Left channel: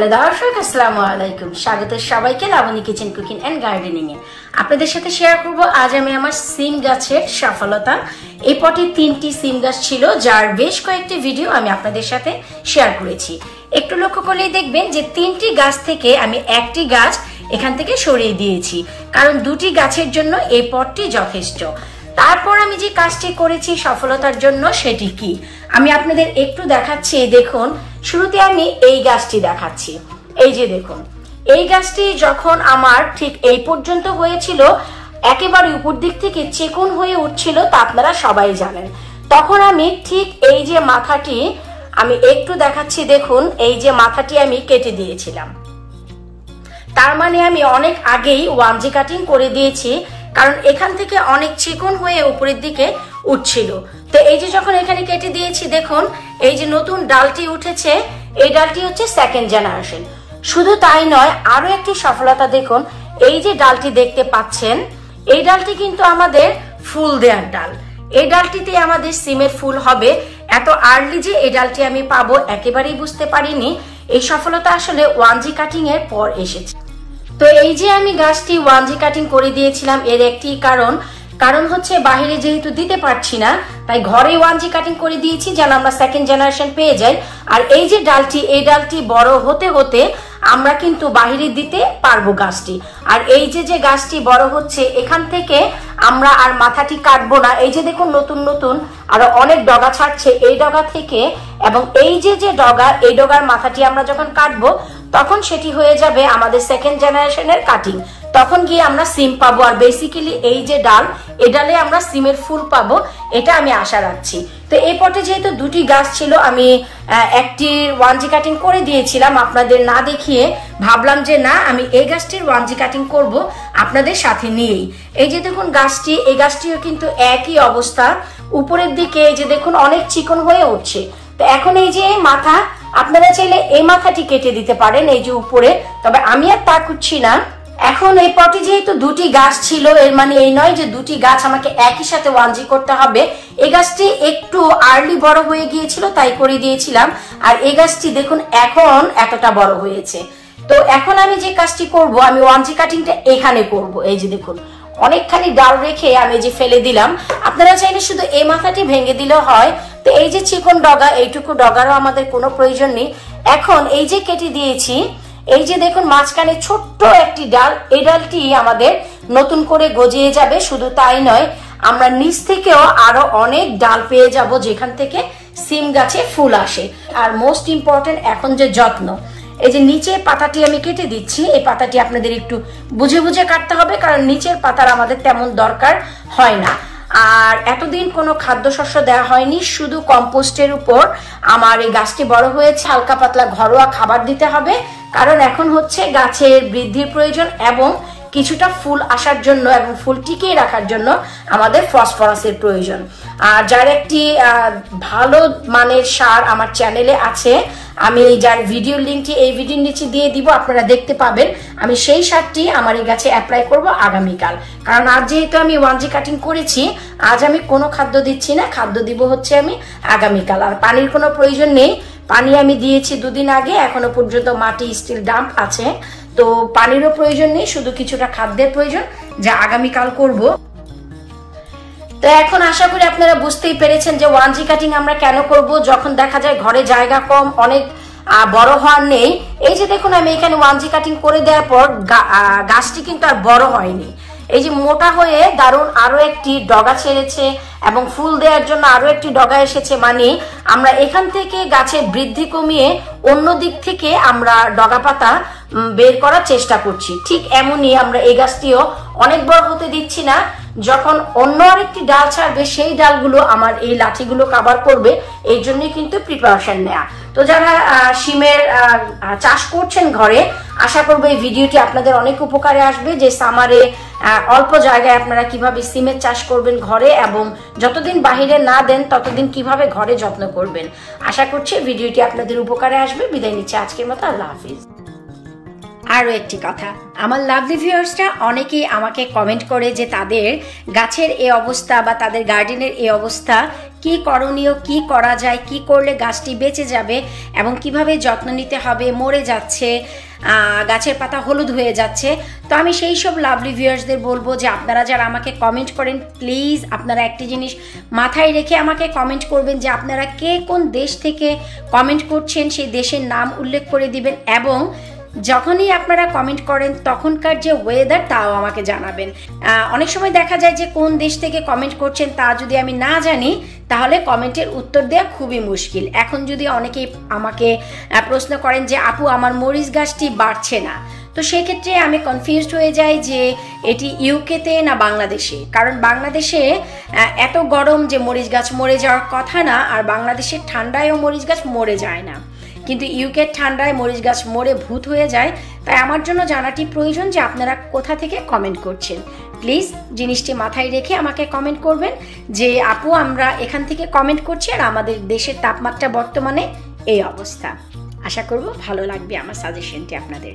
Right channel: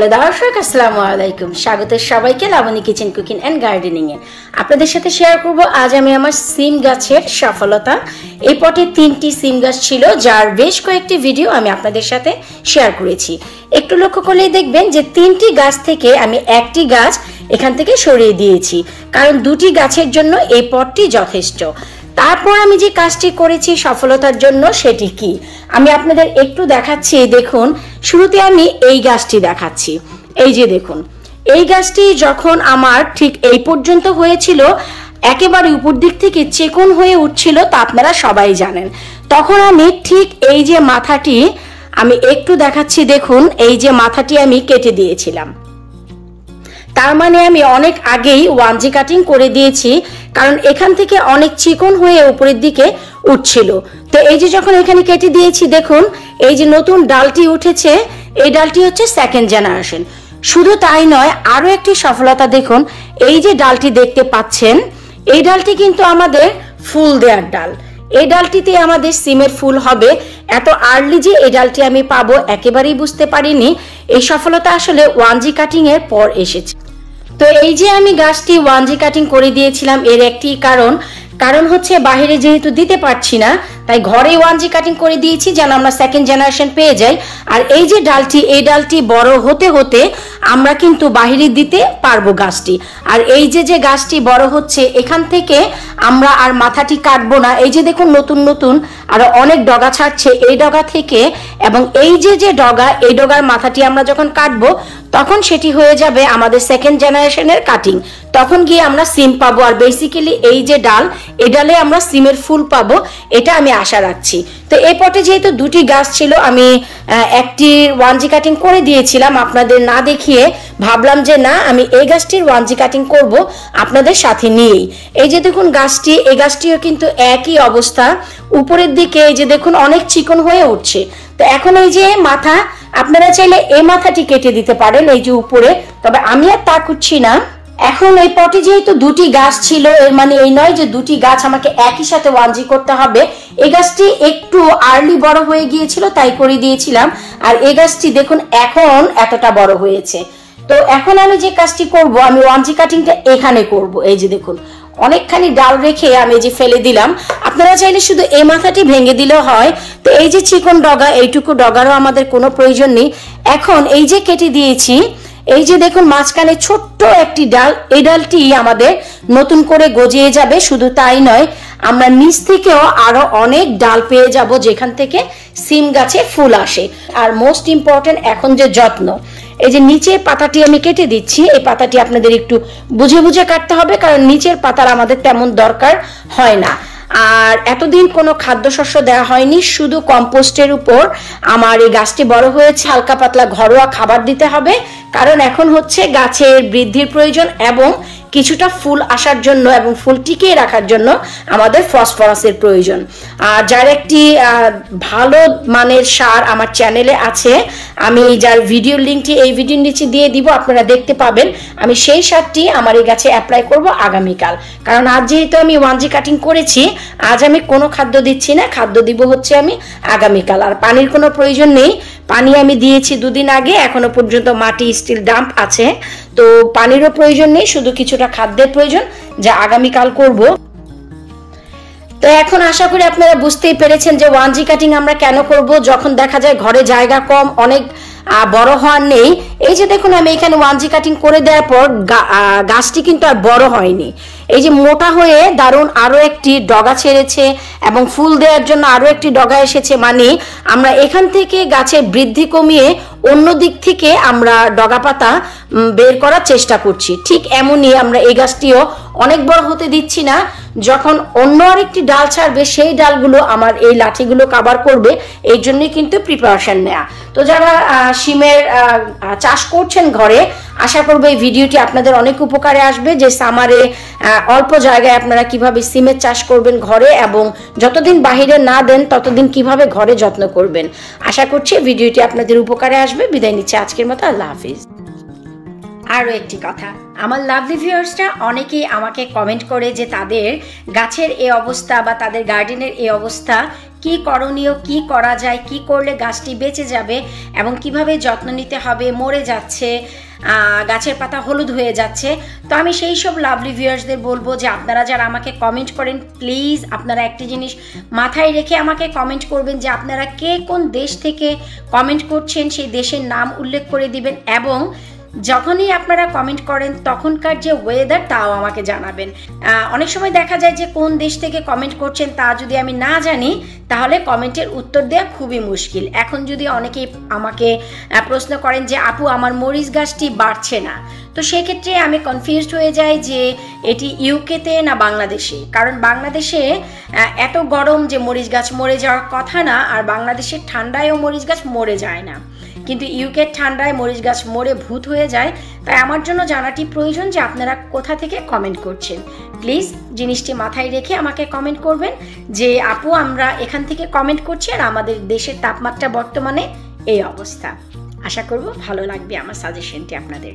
Hello দর্শক, আসসালামু আলাইকুম। স্বাগত সবাইকে Laboni kitchen cooking and gardening এ। আপনাদের সাথে শেয়ার করব আজ আমি আমার সিম গাছের সফলতা। এই পটে 3টি সিম গাছ ছিল, যার বেশ কয়েকটি ভিডিও আমি আপনাদের সাথে শেয়ার করেছি। একটু লক্ষ্য করলেই দেখবেন যে 3টি গাছ থেকে আমি একটি গাছ এখান থেকে সরিয়ে দিয়েছি, কারণ 2টি গাছের জন্য এই পটটি যথেষ্ট। তারপর আমি যে কাজটি করেছি সফলতার জন্য, সেটি কি আমি আপনাদের একটু দেখাচ্ছি। দেখুন, শুরুতে আমি এই গাছটি দেখাচ্ছি। এই যে দেখুন, এই গাছটি যখন আমার ঠিক এই পর্যন্ত হয়েছিল, একেবারে উপর দিক থেকে চিকন হয়ে উঠছিল, তা আপনারা সবাই জানেন। তখন আমি ঠিক এই যে মাথাটি আমি একটু দেখাচ্ছি, দেখুন এই যে মাথাটি আমি কেটে দিয়েছিলাম। তার মানে আমি অনেক আগেই 1G কাটিং করে দিয়েছি, কারণ এখান থেকে অনেক চিকন হয়ে উপরের দিকে উঠছিল। তো এই যে যখন এখানে কেটে দিয়েছি, দেখুন এই যে নতুন ডালটি উঠেছে, এই ডালটি হচ্ছে সেকেন্ড জেনারেশন। শুধু তাই নয়, আরো একটি সফলতা দেখুন, এই যে ডালটি দেখতে পাচ্ছেন, এই ডালটি কিন্তু আমাদের ফুল দেওয়ার ডাল। এই ডালটিতে আমাদের সিমের ফুল হবে। এত আর্লি যে এই ডালটি আমি পাবো একেবারেই বুঝতে পারিনি। এই সফলতা আসলে 1G কাটিং এর পর এসেছে। তো এই যে আমি গাছটি 1G কাটিং করে দিয়েছিলাম, এর একটি কারণ হচ্ছে বাইরে যেহেতু দিতে পারছি না, তাই ঘরে 1G কাটিং করে দিয়েছি যেন আমরা সেকেন্ড জেনারেশন পেয়ে যাই। আর এই যে ডালটি, এই ডালটি বড় হতে হতে আমরা কিন্তু বাইরে দিতে পারবো গাছটি। আর এই যে গাছটি বড় হচ্ছে, এখান থেকে আমরা আর মাথাটি কাটবো না। এই যে দেখুন নতুন নতুন আরো অনেক ডগা ছাড়ছে এই ডগা থেকে, এবং এই যে ডগা, এই ডগার মাথাটি আমরা যখন কাটবো তখন সেটি হয়ে যাবে আমাদের সেকেন্ড জেনারেশনের কাটিং। তখন গিয়ে আমরা সিম পাবো। আর বেসিক্যালি এই যে ডাল, এই ডালে আমরা সিমের ফুল পাবো, এটা আমি আশা রাখছি। তো এই পটে যেহেতু 2টি গাছ ছিল, আমি একটি 1G কাটিং করে দিয়েছিলাম আপনাদের না দেখিয়ে। ভাবলাম যে না, আমি এই গাছটির 1G কাটিং করব আপনাদের সাথে নিয়েই। এই যে দেখুন গাছটি, এই গাছটিও কিন্তু একই অবস্থা। উপরের দিকে এই যে দেখুন অনেক চিকন হয়ে উঠছে। তো এখন এই যে মাথা, আপনারা চাইলে এই মাথাটি কেটে দিতে পারেন এই যে উপরে, তবে আমি আর তা করছি না। এখন এই পটে যেহেতু 2টি গাছ ছিল, এর মানে এই নয় যে 2টি গাছ আমাকে একই সাথে 1G করতে হবে। এই গাছটি একটু আর্লি বড় হয়ে গিয়েছিল, তাই করে দিয়েছিলাম। আর এই গাছটি দেখুন এখন এতটা বড় হয়েছে। তো এখন আমি যে কাজটি করব, আমি 1G কাটিংটা এখানে করব। এই যে দেখুন অনেকখানি ডাল রেখে আমি যে ফেলে দিলাম। আপনারা চাইলে শুধু এই মাথাটি ভেঙে দিলেও হয়। তো এই যে চিকন ডগা, এইটুকু ডগারও আমাদের কোনো প্রয়োজন নেই। এখন এই যে কেটে দিয়েছি, এই যে দেখুন মাঝখানে ছোট্ট একটি ডাল, এই ডালটি আমাদের নতুন করে গজিয়ে যাবে। শুধু তাই নয়, আমরা নিচ থেকেও আরো অনেক ডাল পেয়ে যাব যেখান থেকে সিম গাছে ফুল আসে। আর মোস্ট ইম্পর্টেন্ট এখন যে যত্ন, এই যে নিচের পাতাটি আমি কেটে দিচ্ছি, এই পাতাটি আপনাদের একটু বুঝে বুঝে কাটতে হবে, কারণ নিচের পাতার আমাদের তেমন দরকার হয় না। আর এতদিন কোনো খাদ্যশস্য দেওয়া হয়নি, শুধু কম্পোস্টের উপর আমার এই গাছটি বড় হয়েছে। হালকা পাতলা ঘরোয়া খাবার দিতে হবে, কারণ এখন হচ্ছে গাছের বৃদ্ধির প্রয়োজন এবং কিছুটা ফুল আসার জন্য এবং ফুল টিকিয়ে রাখার জন্য আমাদের ফসফরাসের প্রয়োজন। আর যার একটি ভালো মানের সার আমার চ্যানেলে আছে, আমি যার ভিডিও লিঙ্কটি এই ভিডিওর নিচে দিয়ে দিব, আপনারা দেখতে পাবেন। আমি সেই সারটি আমার এই গাছে অ্যাপ্লাই করব আগামীকাল, কারণ আজ যেহেতু আমি 1G কাটিং করেছি, আজ আমি কোনো খাদ্য দিচ্ছি না, খাদ্য দিব হচ্ছে আমি আগামীকাল। আর পানির কোনো প্রয়োজন নেই, পানি আমি দিয়েছি 2 দিন আগে, এখনো পর্যন্ত মাটি স্টিল ডাম্প আছে, তো পানিরও প্রয়োজন নেই, শুধু কিছুটা খাদ্যের প্রয়োজন, যা আগামীকাল করব। তো এখন আশা করি আপনারা বুঝতেই পেরেছেন যে 1G কাটিং আমরা কেন করব, যখন দেখা যায় ঘরে জায়গা কম, অনেক বড় হওয়ার নেই। এই যে দেখুন আমি এখানে 1G কাটিং করে দেওয়ার পর গাছটি কিন্তু আর বড় হয়নি। এই যে মোটা হয়ে দারুণ আরো একটি ডগা ছেড়েছে এবং ফুল দেওয়ার জন্য আরো একটি ডগা এসেছে। মানে আমরা এখান থেকে গাছের বৃদ্ধি কমিয়ে অন্য দিক থেকে আমরা ডগা পাতা বের করার চেষ্টা করছি। ঠিক এমনই আমরা এই গাছটিও অনেক বড় হতে দিচ্ছি না। যখন অন্য আরেকটি ডাল ছাড়বে, সেই ডালগুলো আমার এই লাঠিগুলো কভার করবে, এই জন্যই কিন্তু প্রিপারেশন নেওয়া। তো যারা সিমের চাষ করছেন ঘরে, আশা করব এই ভিডিওটি আপনাদের অনেক উপকারে আসবে, যে সামারে অল্প জায়গায় আপনারা কিভাবে সিমের চাষ করবেন ঘরে, এবং যতদিন বাহিরে না দেন ততদিন কিভাবে ঘরে যত্ন করবেন। আশা করছি ভিডিওটি আপনাদের উপকারে আসবে। বিদায় নিচ্ছি আজকের মতো, আল্লাহ হাফিজ। আরও একটি কথা, আমার লাভলি ভিউয়ার্সরা অনেকেই আমাকে কমেন্ট করে যে তাদের গাছের এই অবস্থা বা তাদের গার্ডেনের এই অবস্থা কি করণীয়, কি করা যায়, কি করলে গাছটি বেঁচে যাবে এবং কিভাবে যত্ন নিতে হবে, মরে যাচ্ছে, গাছের পাতা হলুদ হয়ে যাচ্ছে। তো আমি সেই সব লাভলি ভিউয়ার্সদের বলবো যে আপনারা যারা আমাকে কমেন্ট করেন, প্লিজ আপনারা একটি জিনিস মাথায় রেখে আমাকে কমেন্ট করবেন যে আপনারা কে কোন দেশ থেকে কমেন্ট করছেন, সেই দেশের নাম উল্লেখ করে দিবেন এবং যখনই আপনারা কমেন্ট করেন তখনকার যে ওয়েদার তাও আমাকে জানাবেন। অনেক সময় দেখা যায় যে কোন দেশ থেকে কমেন্ট করছেন তা যদি আমি না জানি তাহলে কমেন্টের উত্তর দেওয়া খুবই মুশকিল। এখন যদি অনেকেই আমাকে প্রশ্ন করেন যে আপু আমার মরিচ গাছটি বাড়ছে না, তো সেক্ষেত্রে আমি কনফিউজড হয়ে যাই যে এটি ইউকেতে না বাংলাদেশে। কারণ বাংলাদেশে এত গরম যে মরিচ গাছ মরে যাওয়ার কথা না, আর বাংলাদেশের ঠান্ডায়ও মরিচ গাছ মরে যায় না, কিন্তু ইউকের ঠান্ডায় মরিচ গাছ মরে ভূত হয়ে যায়। তাই আমার জন্য জানাটি প্রয়োজন যে আপনারা কোথা থেকে কমেন্ট করছেন। প্লিজ জিনিসটি মাথায় রেখে আমাকে কমেন্ট করবেন যে আপু আমরা এখান থেকে কমেন্ট করছি আর আমাদের দেশের তাপমাত্রা বর্তমানে এই অবস্থা। আশা করব ভালো লাগবে আমার সাজেশনটি আপনাদের।